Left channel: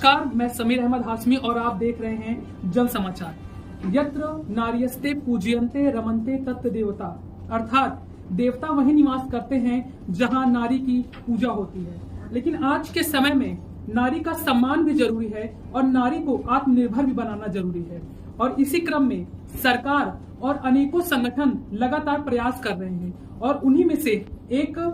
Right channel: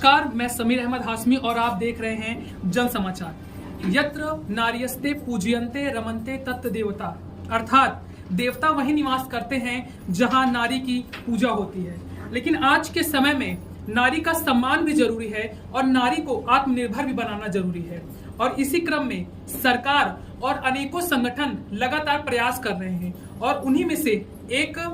नमस्कार, मैं समीर अहमद हाशमी और आप देख रहे हैं जन समाचार। यत्र नार्यस्ते पूज्यन्ते रमन्ते तत् देवता, अर्थात देवता वही निवास करते हैं जहां नारी की पूजा होती है। लेकिन आज के समय में नारी का सम्मान भी जरूरी है और नारी को आत्मनिर्भर भी बनाना जरूरी है। और इसी क्रम में सरकार और अनेकों संगठन लगातार प्रयास कर रहे हैं और उन्हीं में से एक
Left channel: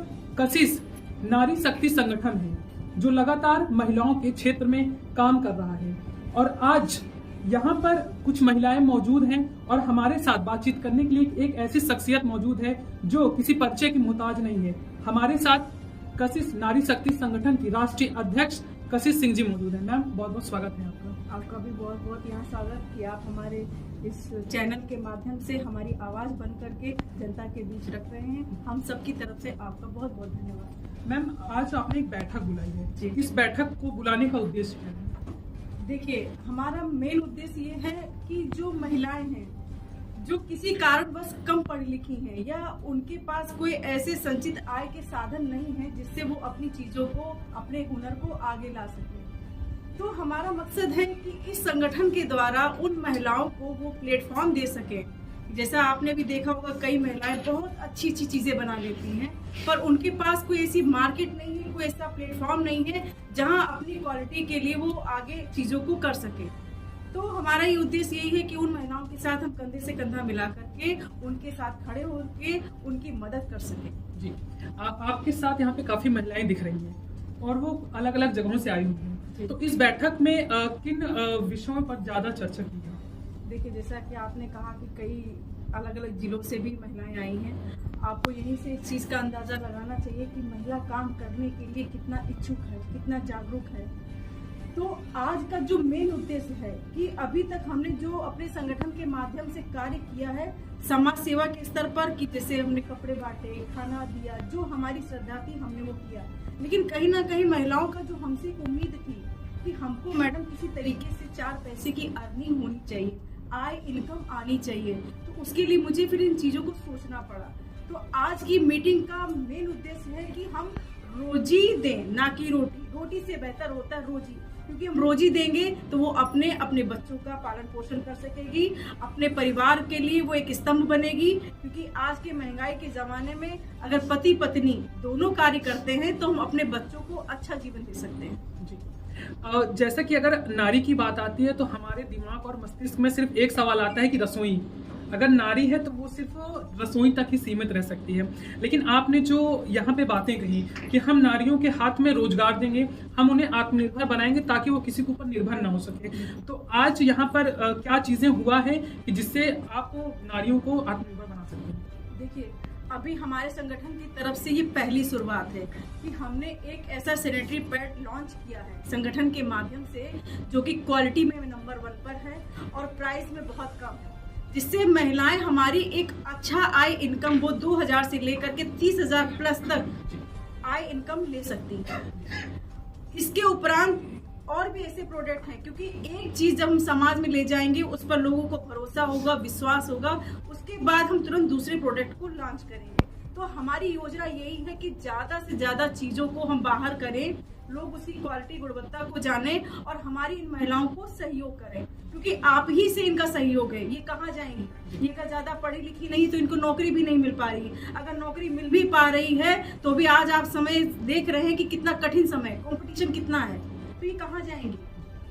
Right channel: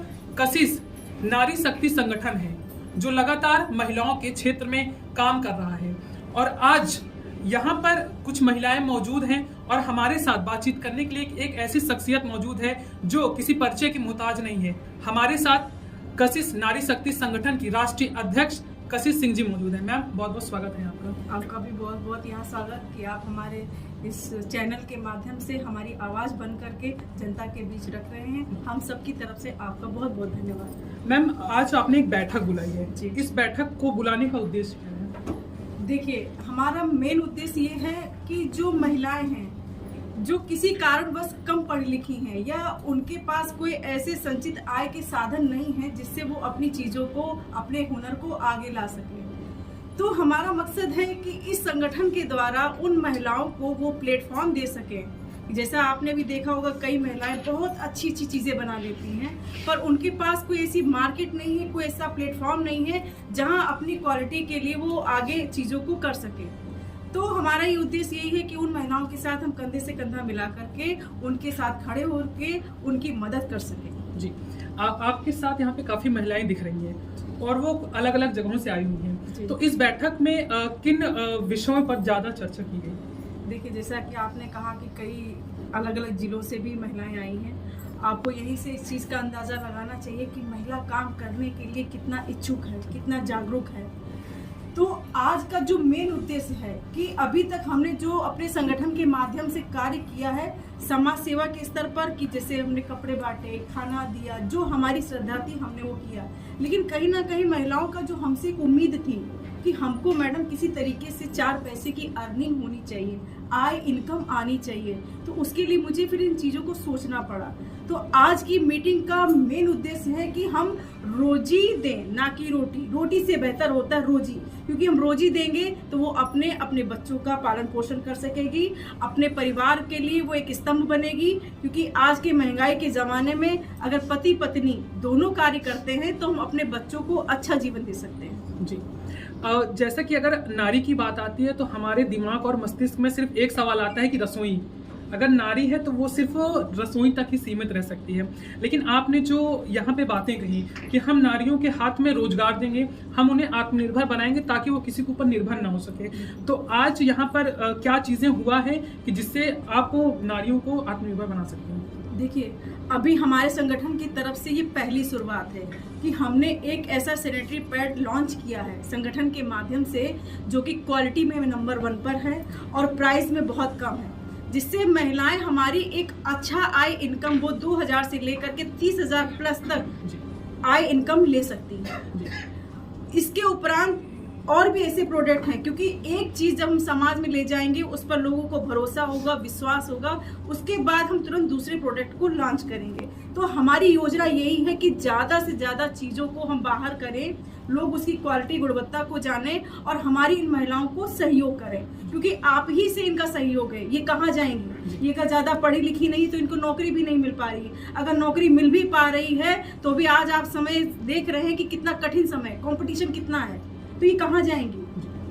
कशिश नारी शक्ति संगठन है जो लगातार महिलाओं के क्षेत्र में काम कर रहा है। और आज यहाँ पर कुछ महिलाएं मौजूद हैं और हमारे साथ बातचीत करने के लिए एक ऐसी शख्सियत मौजूद है जो किसी परिचय की मोहताज नहीं है। हमारे साथ कशिश नारी शक्ति संगठन की राष्ट्रीय अध्यक्ष कशिश सिंह जी मौजूद है। मैम, बहुत बहुत स्वागत है आपका। आपका भी बहुत बहुत यहाँ स्वागत कि आप हमारे इस चैनल के माध्यम से हमारी आवाज़ बन करके जनता के बीच रख रहे हैं। हम सबकी तरफ से आपका बहुत बहुत धन्यवाद। मैम, आज आपने एक बैठक बुलाई है, इस बैठक को बुलाने का उद्देश्य क्या है? देखिए, हमारा मेन उद्देश्य ये है कि जो महिलाएं हैं जो किसी कारणवश कम पढ़ी लिखी हैं या उनके पास कोई ऐसे संचित आय के साधन नहीं है जिससे वो अपनी चीज़ों को, अपने हुनर को आगे ला सकें, तो हमारा मकसद है कि इस संगठन के द्वारा उन महिलाओं को वो प्लेटफॉर्म दे सकें। जैसा आपने भी देखा होगा, कई महिलाएं बहुत अच्छी अच्छी चीज़ें बना लेती हैं पर उनके पास कोई ऐसी मार्केट नहीं है, कोई ऐसा प्लेटफॉर्म नहीं है जहां अपनी क्वालिटी के लिए वो आगे चीज़ों को कर सके। तो हमारा ये उद्देश्य यही है कि उन महिलाओं के साथ हम कंधे से कंधा मिला करके उनके साथ खड़े होकर उनकी मदद कर सकें। जी, आपके साथ यहाँ पे काफ़ी महिलाएं दिख रही हैं और वो अलग अलग जगहों से आई हुई हैं। तो इस बैठक में किन विषयों पर ज़्यादा चर्चा की गई? देखिए, जैसा कि आपने कहा कि कई अलग अलग जिलों से भी महिलाएं आई हैं। आपको यहीं से इस चीज़ का अंदाज़ा लगाना चाहिए कि महिला काम करने के लिए कितना इच्छुक है, कितना जागरूक है। तो आज का जो मेन उद्देश्य है कि अभी तक हमने जो अपने संगठन के माध्यम से कार्य किया है समाज सेवा के स्तर पर, कि जैसे हमने कपड़े बांटे, खाना दिया, जो हमारी श्रद्धा थी हमने वो किया। लेकिन कहीं ना कहीं महिलाओं का जो हमसे एक उम्मीद थी कि हमको मैडम किसी तरीके से 4 पैसे की अर्निंग होनी चाहिए, आय इनकम आनी चाहिए, तो उसके लिए मुझे फिर इन चीज़ों को सोचना पड़ा। तो आज की मीटिंग का मेन उद्देश्य है कि हम रोजी दें, ना कि रोटी। रोटी से बेहतर होता है रोजी, क्योंकि हम रोजी देंगे तो वो अपने बच्चों का पालन पोषण कर सकेगी, अपने परिवार के लिए वो एक स्तंभ बनेगी। क्योंकि आज के महंगाई के ज़माने में अगर पति पत्नी दोनों कार्य करते हैं तो हम अपने बच्चों को अच्छा जीवन दे सकते हैं। जी, जैसा कि अगर नारी की बात आती है तो हमारे दिमाग और मस्तिष्क में सिर्फ एक सवाल आता है कि रसोई। अगर नारी है तो वो सिर्फ रसोई तक ही सीमित रह सकती है। लेकिन आपने जो यहाँ पे बातें कही कि हम नारियों के हाथ में रोजगार देंगे, हम उन्हें आत्मनिर्भर बनाएंगे ताकि वो किसी के ऊपर निर्भर ना हो सके, तो आज यहाँ पर क्या चीज़ें हुआ है कि जिससे आप नारियों को आत्मनिर्भर बना सकते हैं? देखिए, अभी हमारे संगठन की तरफ से ये पहली शुरुआत है कि हमने एक ऐसा सैनिटरी पैड लॉन्च किया है संगठन के माध्यम से, जो कि क्वालिटी में नंबर 1 पर है और प्राइस में बहुत कम है, जिससे महिलाएं हमारी एक अच्छा आय इनकम वो 2000 से लेकर के 30,000 प्लस तक आय इनकम ले सकती हैं। इसके उपरांत और भी ऐसे प्रोडक्ट हैं, क्योंकि एक चीज़ जब हम समाज में ले जाएंगे उस पर लोगों को भरोसा होगा, विश्वास होगा, उसके बाद हम तुरंत दूसरे प्रोडक्ट को लॉन्च करेंगे। तो हमारी योजना यही है कि ज़्यादा से ज़्यादा चीज़ों को हम बाहर करें, लोग उसकी क्वालिटी गुणवत्ता को जानें और हमारी इन महिलाओं को सहयोग करें, क्योंकि आप ही से इनका सहयोग है। ये कहाँ जाएंगी? ये का ज़्यादा पढ़ी लिखी नहीं तो इनको नौकरी भी नहीं मिल पा रही है। अगर नौकरी मिल भी पा रही है तो भी आज आप समय देख रहे हैं कि कितना कठिन समय, कॉम्पिटिशन कितना है, तो ये कहाँ जाएंगी?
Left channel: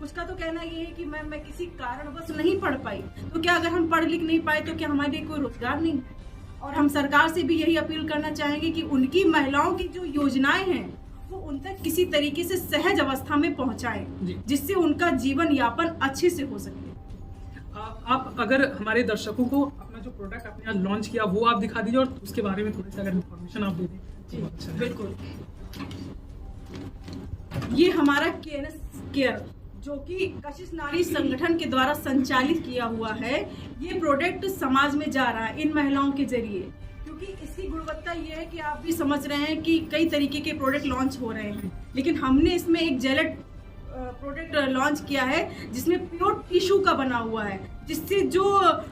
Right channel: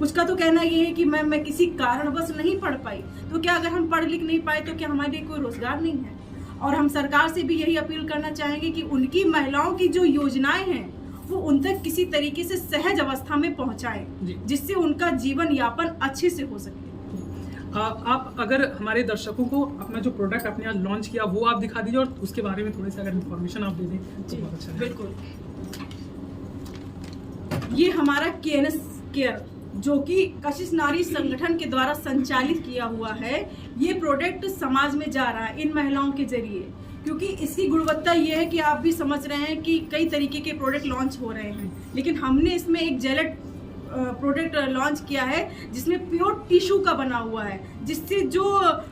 उसका तो कहना ये है कि मैं किसी कारणवश नहीं पढ़ पाई, तो क्या अगर हम पढ़ लिख नहीं पाए तो क्या हमारे लिए कोई रोजगार नहीं है? और हम सरकार से भी यही अपील करना चाहेंगे कि उनकी महिलाओं की जो योजनाएं हैं वो उन तक किसी तरीके से सहज अवस्था में पहुंचाएं, जिससे उनका जीवन यापन अच्छे से हो सके। आप अगर हमारे दर्शकों को अपना जो प्रोडक्ट आपने आज लॉन्च किया वो आप दिखा दीजिए और उसके बारे में थोड़ी सी अगर इन्फॉर्मेशन आप दे दें तो बहुत अच्छा है। बिल्कुल, ये हमारा KNS केयर जो कि कशिश नारी संगठन के द्वारा संचालित किया हुआ है, ये प्रोडक्ट समाज में जा रहा है इन महिलाओं के जरिए, क्योंकि इसकी गुणवत्ता ये है कि आप भी समझ रहे हैं कि कई तरीके के प्रोडक्ट लॉन्च हो रहे हैं, लेकिन हमने इसमें एक जेलेट प्रोडक्ट लॉन्च किया है जिसमें प्योर टिश्यू का बना हुआ है, जिससे जो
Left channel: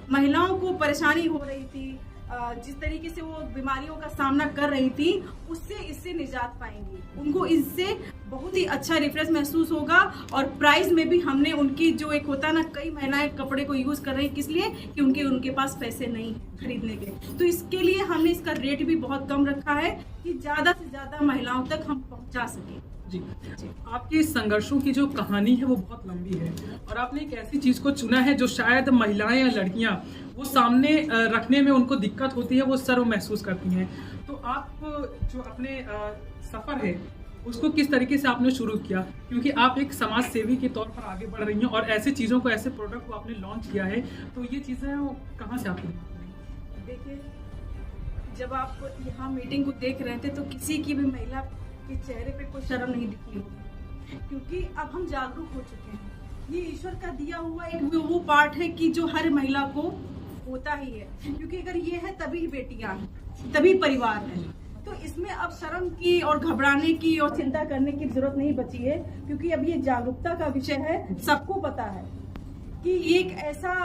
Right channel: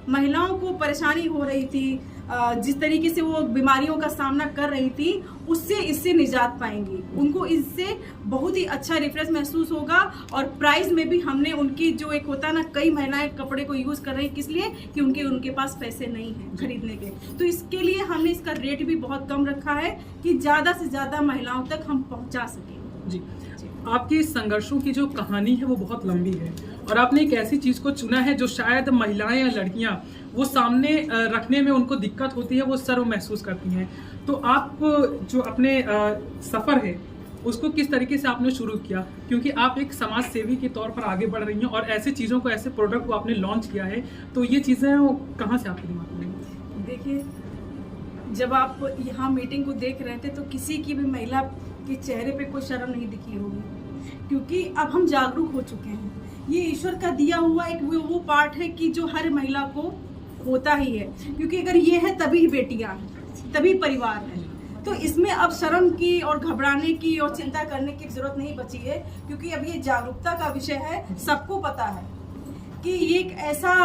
महिलाओं को परेशानी हो रही थी, जिस तरीके से वो बीमारियों का सामना कर रही थी, उससे इससे निजात पाएंगी। उनको इससे बहुत ही अच्छा रिफ्रेश महसूस होगा। और प्राइस में भी हमने उनकी जो एक होता है ना, कई महिलाएं कपड़े को यूज़ कर रही हैं, किस लिए कि उनके पास पैसे नहीं हैं खरीदने के, तो इसके लिए हमने इसका रेट भी बहुत कम रखा है कि ज़्यादा से ज़्यादा महिलाओं तक हम पहुंचा सकें। जी, आपके संघर्षों की जो कहानी है वो बहुत लंबी है और आपने एक ऐसी चीज़ को चुना है जो शायद महिलाएं या लड़कियां वो सामने रखने में उनको दिक्कत होती है, वो शर्म महसूस करती हैं। तो आप जो अपने सफ़र है उसको किस तरीके से आपने शुरू किया, क्योंकि आप एक समाज सेवी के तौर पर आगे बढ़ रही हैं और ऐसे चीज़ों को, ऐसे प्रोडक्ट को आपने लॉन्च किया है, तो ये चीज़ें कहाँ से आपके दिमाग में आई? देखिए, जब आप यहाँ मीटिंग को देख रहे थे तो किसी की भी महिला के चेहरे पे कोई शर्म नहीं दिखी होगी, क्योंकि अब हम जागरूक हो चुके हैं। ये ईश्वर का दिया हुआ एक वो पार्ट है कि जो हर महिला को होता ही है, क्योंकि अगर ये है तभी बेटियां हैं, तभी परिवार है। तो इसमें अब शर्म की और घबराने की और चिंता करने की जरूरत नहीं बची है, क्योंकि अब ये जागरूकता का विषय है। सबको पता है कि ये एक ऐसा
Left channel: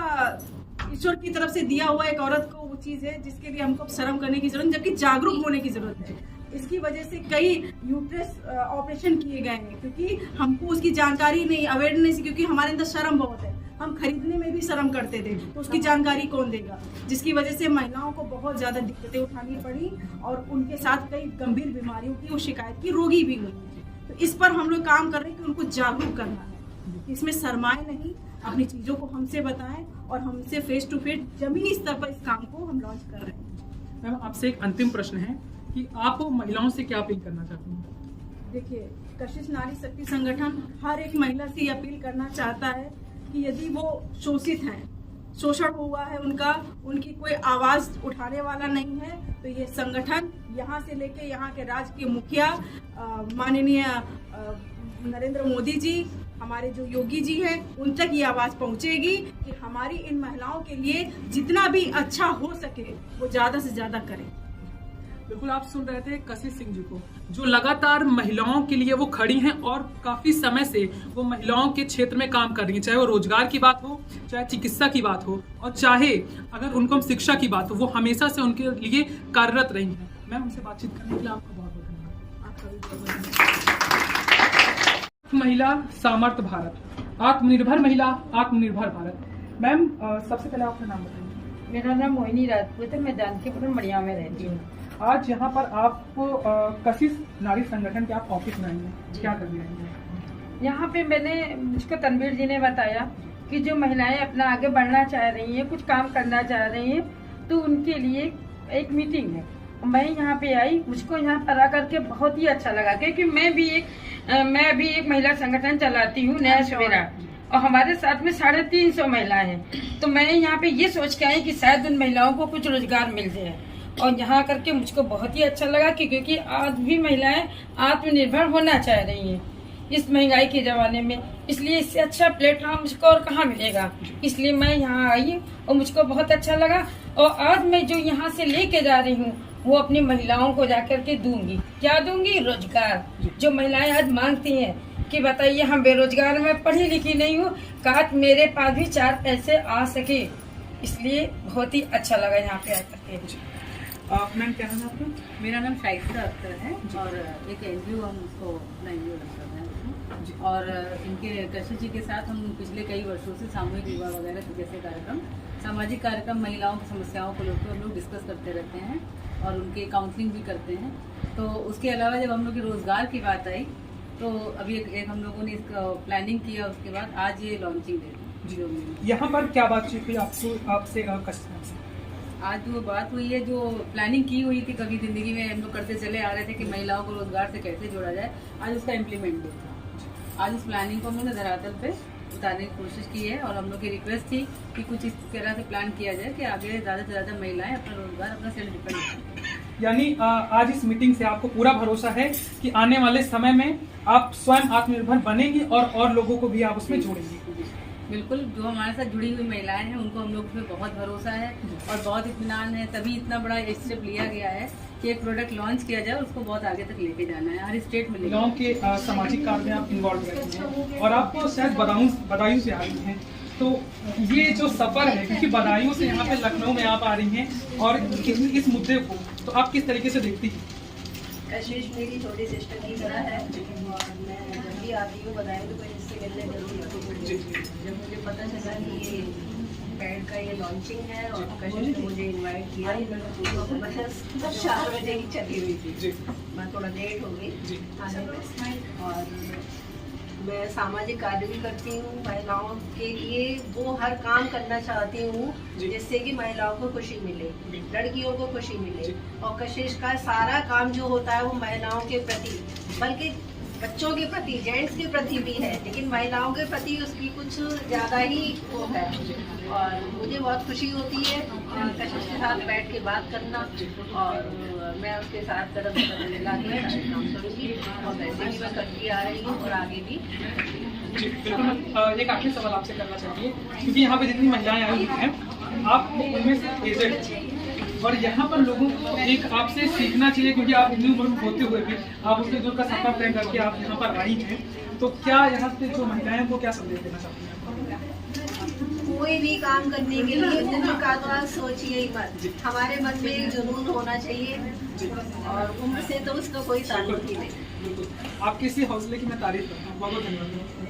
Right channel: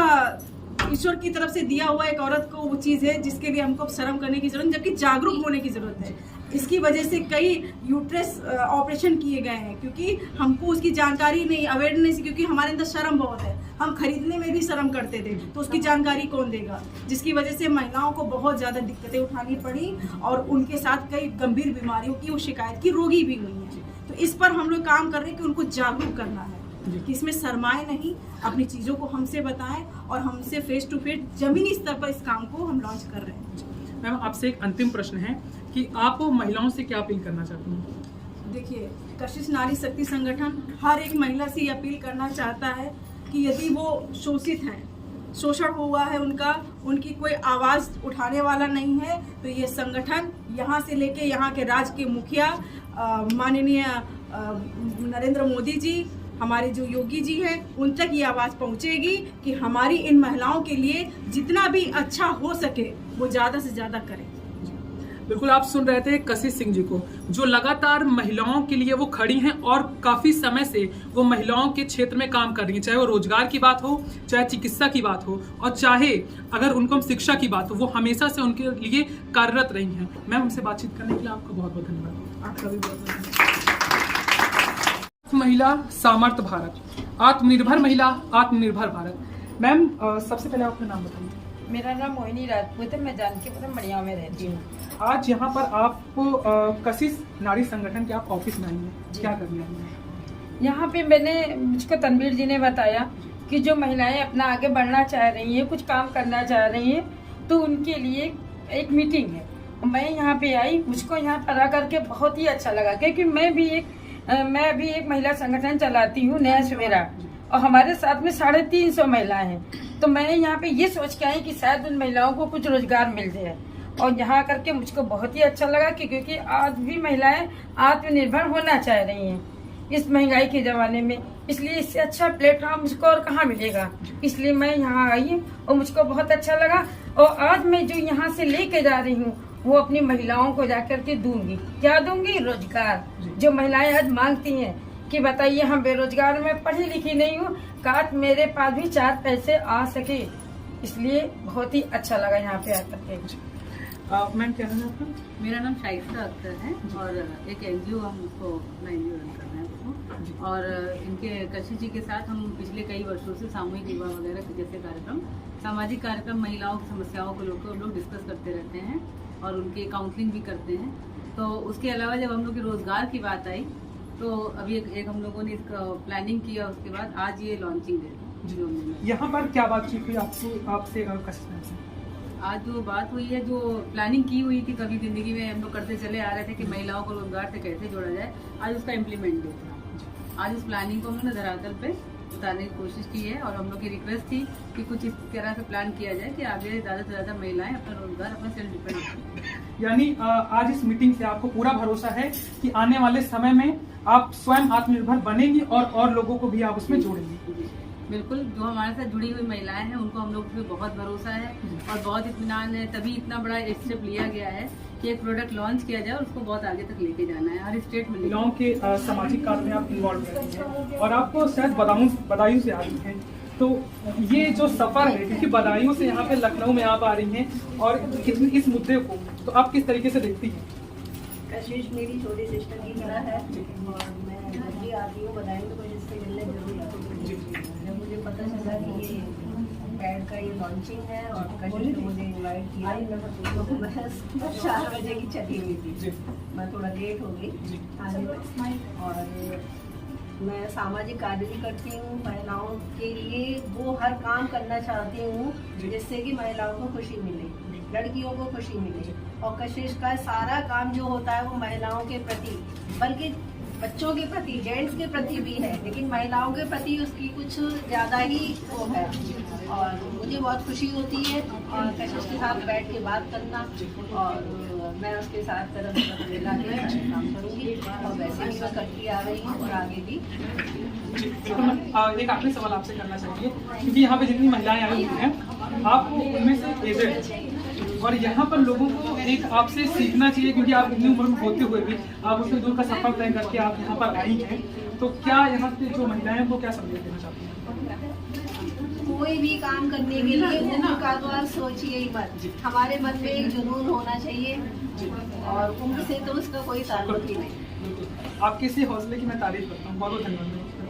ईश्वर की तरफ से दिया हुआ एक औरत को वो चीज़ है जिसके लिए हमको शर्म करने की जरूरत, जबकि जागरूक होने की जरूरत है। इसकी वजह से कई यूट्रस ऑपरेशन किए गए हैं, क्योंकि हमको उसकी जानकारी नहीं, अवेयरनेस, क्योंकि हमारे अंदर शर्म बहुत है। हम खरीदने में भी शर्म करते थे, तो उसकी जानकारी कौन देगा, जिसकी वजह से महिलाओं को बहुत ज़्यादा दिक्कतें उठानी पड़ी और उनके साथ कई गंभीर बीमारियों की वो शिकायत की रोगी भी हुई है। तो इस पर हम लोग काम कर रहे हैं कि उनको जागरूक करना है कि इसमें शर्माएं नहीं, अपनी चीज़ों को हमसे बताएं और हमसे फेस टू फेस जमीनी स्तर पर इस काम को हम लॉन्च कर रहे हैं। मैम, आपसे एक अंतिम प्रश्न है कि आप महिलाओं से क्या अपील करना चाहती हैं? देखिए, कशिश नारी शक्ति संगठन हर एक महिला से ये अपील करना चाहता है कि यदि वो शोषित हैं, शोषण हुआ है उनका, उनकी कोई आवाज़ उठाने वाला नहीं है, तो ये संगठन यहाँ से लेके यहाँ के राज्य के मुखिया माननीय नरेंद्र मोदी जी, हमारे जो योगी जी हैं, उन तक ये आवाज़ पहुँचेगी कि हमारी इन महिलाओं के लिए जितना भी अच्छा हो सके वो ज़्यादा से ज़्यादा करें। बिल्कुल, आप सुन रहे थे कशिश सिंह जी को, जो लगातार महिलाओं के लिए वो खड़ी हैं और काफ़ी समय से वो महिलाओं के क्षेत्र में काम कर रही हैं, चाहे वो रोजगार की बात हो, चाहे चिकित्सा की बात हो, और चाहे अगर उनको शिक्षा की बात हो, वो हमेशा से उनके लिए कार्यरत रही हैं। मैम, हमसे बातचीत करने के लिए आपको बहुत बहुत धन्यवाद। आपका भी बहुत बहुत धन्यवाद। महिला सामर्थ्य भारत, आत्मनिर्भर महिला, आत्मनिर्भर भारत। मैम, सबसे पहले अपना नाम बताइए। मेरा नाम मोहिनी राजपूत है, मैं जानकीपुरम बढ़िया में रहती हूँ। आज यहाँ पर आप कशिश नारी संगठन के आप ऑफिस में आई हैं, क्या कर रही हैं? यहाँ पे मुझको तनवीर जी ने बताया कि जो महिलाएं अपना आगे बढ़ना चाह रही हैं, कुछ काम करना चाह रही हैं, तो उनके लिए एक मीटिंग है। मैं यहाँ पे आई, मुझको यहाँ पर आकर के बहुत ही अच्छा लगा, क्योंकि मैं भी एक महिला संगठन चलाती हूँ, नया सवेरा, और हमारे साथ में 350 महिलाएं हैं। तो मैंने यहाँ पे ये सोच के आई कि शायद उन महिलाओं को कुछ रोजगार मिल जाए, और यहाँ करके मुझको बहुत ही अच्छा लगा कि क्योंकि आज भी महिलाएं आत्मनिर्भर होना चाह रही हैं इस महंगाई के ज़माने में, इसलिए इससे अच्छा प्लेटफॉर्म मुझको और कहाँ मिलेगा। इसलिए मैं यहाँ आई और मुझको बहुत अच्छा लगा, और आज मैं जो यहाँ से लेके जा रही हूँ वो अपनी महिलाओं को जाकर के दूंगी। क्या दूंगी? रोजगार। जो महिलाएं आज मांगती हैं कि बताइए हम बेरोजगार, मैं पढ़ी लिखी नहीं हूँ, काश मेरे पास भी 4 पैसे आ सके, इसलिए बहुत ही अच्छा लगा यहाँ पे आकर के। मैम, क्या नाम है आपका? मेरा नाम शाइस्ता अख्तर है और एक एनजीओ, हम उसको अपना एनजीओ रन कर रहे हैं उसको, और इनके कशिश जी के साथ हम पिछले कई वर्षों से सामूहिक विवाह वगैरह के जैसे कार्यक्रम, सामाजिक कार्यक्रम, महिलाओं की समस्याओं को लोग डिस्कस करते रहते हैं और उनके काउंसलिंग भी करते हैं। तो उसके अलावा जब हम लोग के रोजगार की बात आई तो अभी एक हम लोगों ने इसका प्लानिंग किया, उसके बाद आज ये लॉन्चिंग है। यहाँ पर क्या बातचीत हुई आपसे कशिश से? आज जो बात हुई है, जो प्लानिंग की हुई थी कभी जिंदगी में हम लोग करते चले आ रहे थे कि महिलाओं को रोजगार से कैसे जोड़ा जाए, आज उसका इम्प्लीमेंट देखा। आज उस प्लानिंग को हमने धरातल पे उतारने की कोशिश की है और हम लोग की रिक्वेस्ट थी कि कुछ इस तरह से प्लान किया जाए कि आगे ज़्यादा से ज़्यादा महिलाएं अपना रोजगार, अपना सेल्फ डिपेंड करें। यानी आज इस मीटिंग से आपको पूरा भरोसा है कि आने वाले समय में आप स्वयं आत्मनिर्भर बनेंगी और लोगों को भी आप उसमें जोड़ेंगी। बिल्कुल, जो हमारे साथ जुड़ी हुई महिलाएं हैं उनको हम लोग पे बहुत भरोसा है और बहुत इत्मीनान है, तभी इतना बड़ा स्टेप लिया गया है कि एक प्रोडक्ट लॉन्च किया जाए और उसको बहुत आगे तक लेके जाना है, हर स्टेट में। महिलाओं के सामाजिक कार्य में आप इन्वॉल्व रहती हैं और आप शायद बदायूं से आ रही हैं, तो ये जो सफर है, क्योंकि बदायूं से यहाँ पे लखनऊ में आप आ रही हैं और इस मुद्दे को तो आप किस तरीके से देखती हैं? कशिश मेरी छोटी सिस्टर की तरह है और मैं जब भी आती हूँ बताई तो कोई इससे मिलने जरूर आती हूँ। जब मुझे पता चला कि ये पैड का ये लॉन्चिंग है और कशिश ने मुझे इनवाइट किया तो मैं 4 बजे की चली हुई थी, मैं थोड़ा लेट हो गई आने में। और मैं सामाजिक कार्य भी करती हूँ, महिलाओं के लिए वो हर काम करना चाहती हूँ जिससे कि महिलाओं को खुशी मिले, लड़कियों को खुशी मिले। और कशिश का सारा काम जो होता है वो महिलाओं के प्रति, बल्कि बच्चों के प्रति, जेंट्स के प्रति भी है, लेकिन महिलाओं के प्रति उसकी कुछ ज़्यादा ही वो है। और मुझे बहुत खुशी होती है और कशिश के साथ बैठ के बात करना, और मैं उसके साथ कदम से कदम मिला के काम करूँगी और वैसे भी मैं करती आ रही हूँ और आगे भी। जी बिल्कुल। मैं एक आखिरी सवाल आपसे करना चाहिए, क्योंकि यहाँ पे जितनी महिलाएं आई हुई हैं आप उनमें से एजेड और यहाँ पर लोगों को एक आपसे सीखना चाहिए, क्योंकि आप इतनी उम्र में होते हुए भी आप उसके दूर का सफर तय करके आप यहाँ पर आई हैं, तो क्या यहाँ पे जो महिलाएं हैं वो क्या संदेश देना चाहती हैं? कोई भी काम करने के लिए उम्र का तो आप सोचिए ही मत, हमारे मन में एक जुनून होना चाहिए और उम्र से तो उसका कोई ताल्लुक ही नहीं। आपके इसी हौसले की मैं तारीफ करता हूँ। बहुत बहुत धन्यवाद।